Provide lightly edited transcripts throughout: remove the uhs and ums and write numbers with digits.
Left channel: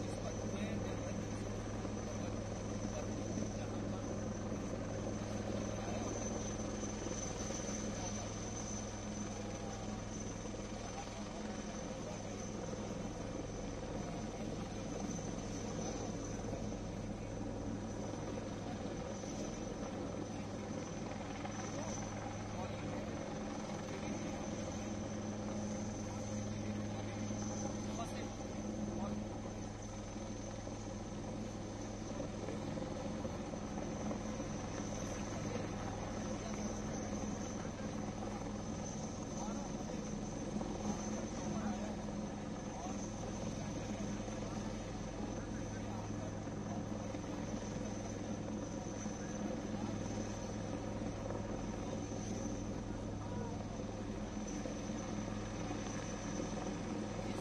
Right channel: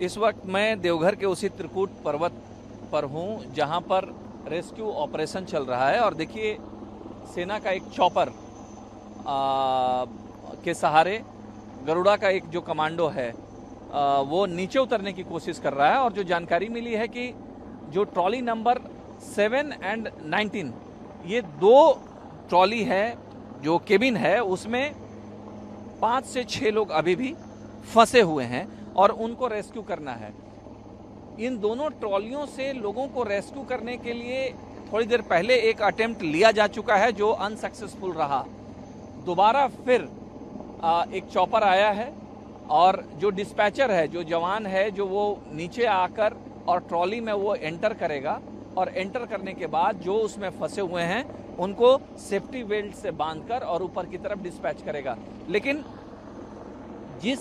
इस वक्त मैं देवघर के उसी त्रिकूट पर्वत पर हूँ जहाँ पर रेस्क्यू ऑपरेशन चल रहा है। और देखिए, सेना का एक चॉपर के सहारे गरुड़ा का एक जो कमांडो है वो नीचे उतरने की कोशिश कर रहा है। और जो जानकारी मिली है कि जो ट्रॉली नंबर 7 एंड 19, ये दो ट्रॉली है, जो केबिन है उसमें 5 से 6 लोग अभी भी फंसे हुए हैं और उनको रेस्क्यू करना है। इन दोनों ट्रॉलियों से लोगों को रेस्क्यू करने के लिए थोड़ी देर पहले एक अटेम्प्ट लिया जा चुका है जो अनसक्सेसफुल रहा। दोबारा फिर एक चॉपर आया है और जो डिस्पैचर है, जो जवान है, जो वो नीचे आकर और ट्रॉली में वो एंटर करेगा और एंटर करने के बाद जो उसमें फंसे हुए हैं उनको सेफ्टी बेल्ट से बांधकर और ऊपर की तरफ डिस्पैच करेगा। लेकिन जिस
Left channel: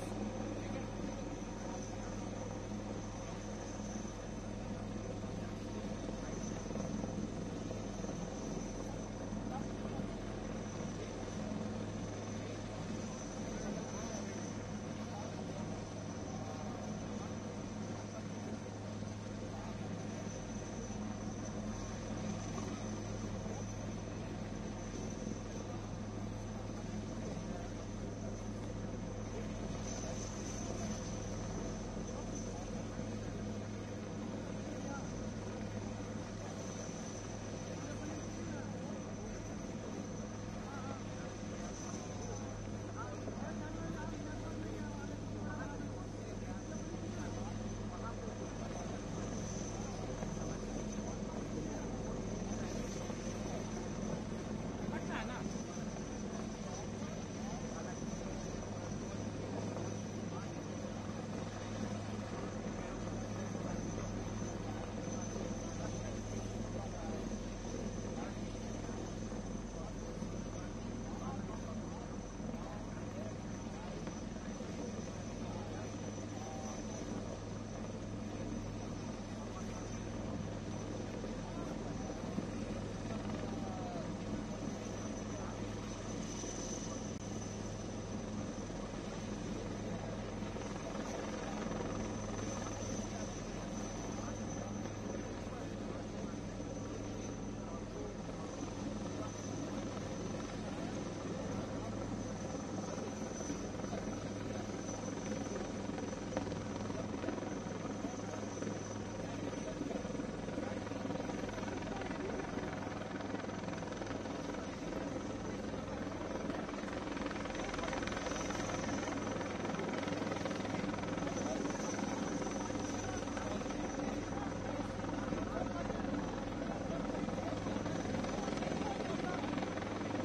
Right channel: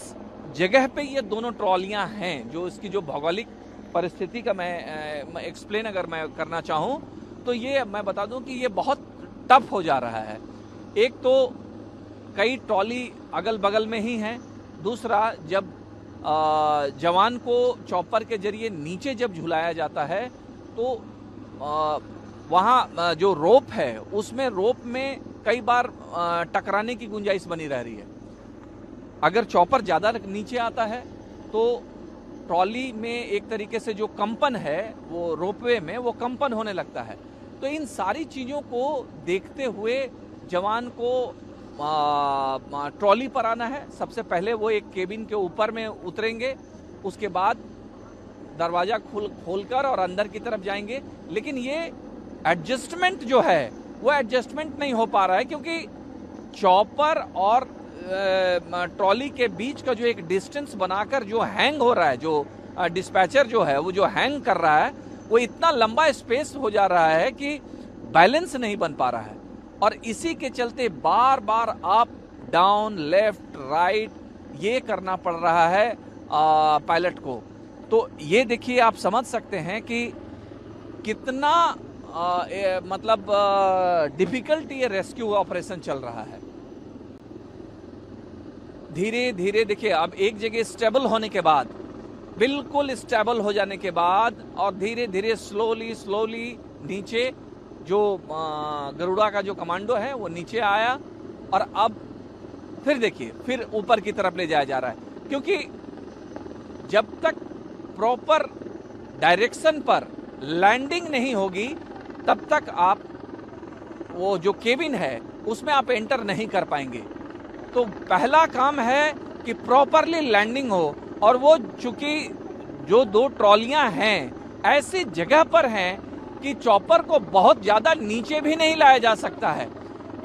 जगह पे ये दोनों ट्रॉलियां हैं, जो इसकी जो भौगोलिक परिस्थिति का मैं एक्सप्लेन अगर मैं करना चाहूँ तो ये मैं बता दूं कि ये बहुत टफ हो जा रहा है। एक तो कई ट्रॉली अगल बगल में ही हैं, दूसरा जब जवान को चॉपर के जरिए नीचे जब झुलाया जाता है तो वहाँ जो रोप है उसमें रोप में कई बार टकराने की गुंजाइश बनी रह रही है। अगर चॉपर ज़्यादा नीचे आता है तो ट्रॉली में एक तरीके से जो कंपन है वो रोपवे में वो कंपन होने लगता है। तो इन सारी चीज़ों को देखते हुए जवान को ट्रॉली पर आना है। सबसे पहले वो एक केबिन के ऊपर में उतरेंगे, उसके बाद दरवाज़ा खोलकर और अंदर की तरफ जाएंगे। लेकिन ये एडजस्टमेंट जो है वो एडजस्टमेंट नहीं हो पा रहा है, क्योंकि चॉपर और ट्रॉली के बीच का जो एक डिस्टेंस बनाकर जो हैंग हो रहा है, जो डिस्पैचर जो है वो जो हैंग कर रहा है, वो इतना लंबा स्पेस हो जा रहा है कि बैलेंस नहीं बन पा रहा है। और इसी के चलते बार बार अप डाउन लेफ्ट राइट ये करना पड़ रहा है पायलट को। तो ये देखिए, आप समझ सकते हैं कि कितना मतलब डिफिकल्ट ये रेस्क्यू ऑपरेशन चल रहा है। धीरे धीरे देखिए, अब एक जगह स्टेबल होने के बाद, बिल्कुल स्टेबल हो जाने के बाद और धीरे धीरे स्लोली नीचे जो गरुड़ा का जो कमांडो है वो नीचे आया और अब फिर देखिए फिर ऊपर की तरफ ले जाया जा रहा है। क्योंकि जब तक प्रॉपर डायरेक्शन पर लैंडिंग नहीं होगी तब तक आप वो जो केबिन है उसमें आप एंटर नहीं कर पाएंगे। तो पहला काम है कि प्रॉपरली लैंडिंग हो, और वो चूंकि जो दो ट्रॉलियां हैं ऐसी जगह पर हैं कि चॉपर को बहुत ज़्यादा नीचे भी नहीं लाया जा सकता है।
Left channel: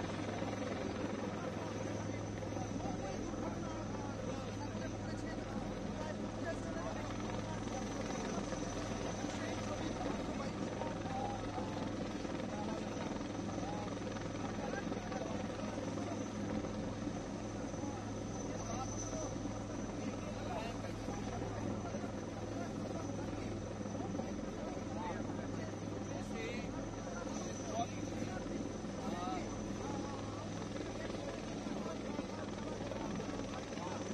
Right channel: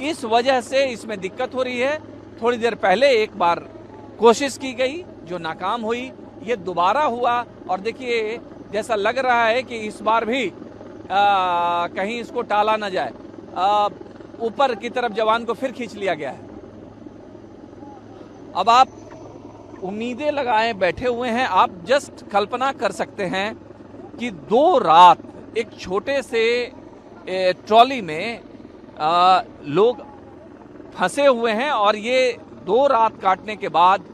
इस वजह से इसमें दिक्कत हो रही है। थोड़ी देर पहले एक बार कोशिश की गई जो नाकाम हुई, ये दोबारा हुआ और देखिए जैसा लग रहा है कि इस बार भी कहीं इसको टाला ना जाए। ऊपर की तरफ जवान को फिर खींच लिया गया है। अब आप उम्मीदें लगाए बैठे हुए हैं। आप जस्ट कल्पना कर सकते हैं कि 2 रात एक छोटे से ट्रॉली में लोग फंसे हुए हैं और ये 2 रात काटने के बाद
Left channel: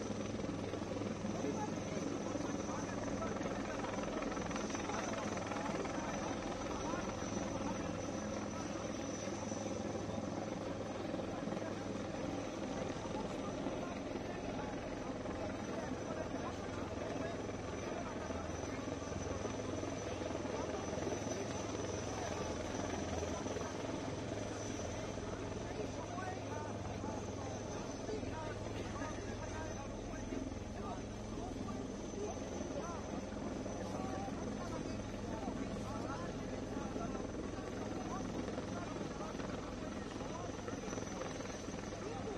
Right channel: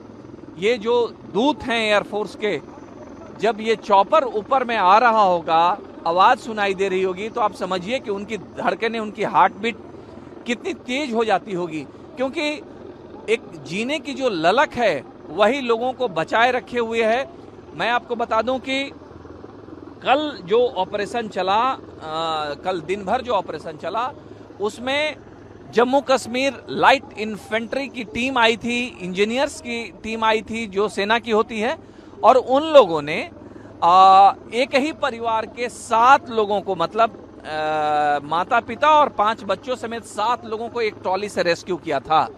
ये जो दूत हैं एयरफोर्स के, जब ये चॉपर ऊपर में आ रहा होगा, आवाज़ सुनाई दे रही होगी, तो आप समझिए कि उनकी धड़कनें, उनकी हार्ट बीट कितनी तेज हो जाती होगी। क्योंकि एक जीने की जो ललक है वही लोगों को बचाए रखे हुए है। मैं आपको बता दूं कि कल जो ऑपरेशन चला, कल दिन भर जो ऑपरेशन चला उसमें जम्मू कश्मीर लाइट इन्फेंट्री की टीम आई थी, इंजीनियर्स की टीम आई थी जो सेना की होती है, और उन लोगों ने एक ही परिवार के 7 लोगों को, मतलब माता पिता और 5 बच्चों समेत 7 लोगों को एक ट्रॉली से रेस्क्यू किया था।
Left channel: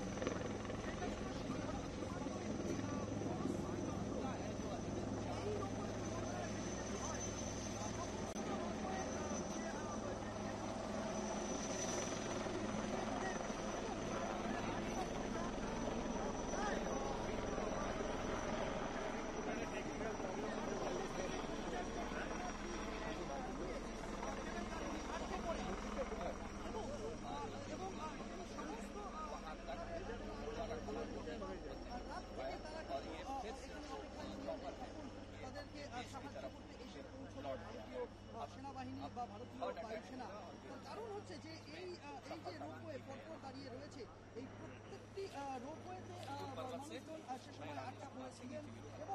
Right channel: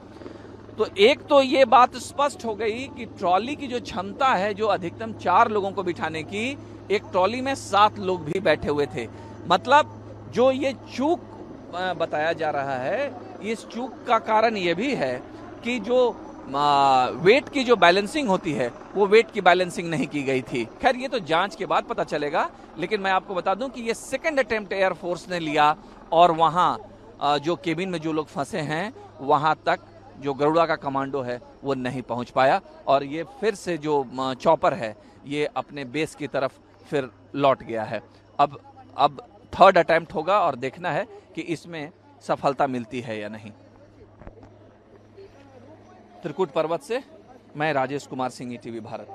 तो एक तो ये बात स्पष्ट हो गई कि ट्रॉली की जो क्षमता है, जो अधिकतम 4 लोगों को बिठाने की, एक ट्रॉली में 7 लोग भी बैठे हुए थे। मतलब जो ये चूक बताया जा रहा है, इस चूक का कारण ये भी है कि जो वेट की जो बैलेंसिंग होती है वो वेट की बैलेंसिंग नहीं की गई थी। खैर ये तो जांच के बाद पता चलेगा, लेकिन मैं आपको बता दूं कि ये सेकंड अटेम्प्ट एयरफोर्स ने लिया और वहाँ जो केबिन में जो लोग फंसे हैं वहाँ तक जो गरुड़ा का कमांडो है वो नहीं पहुंच पाया। और ये फिर से जो चॉपर है ये अपने बेस की तरफ फिर लौट गया है। अब थर्ड अटेम्प्ट होगा और देखना है कि इसमें सफलता मिलती है या नहीं। त्रिकुट पर्वत से मैं राजेश कुमार सिंह, ईटीवी भारत।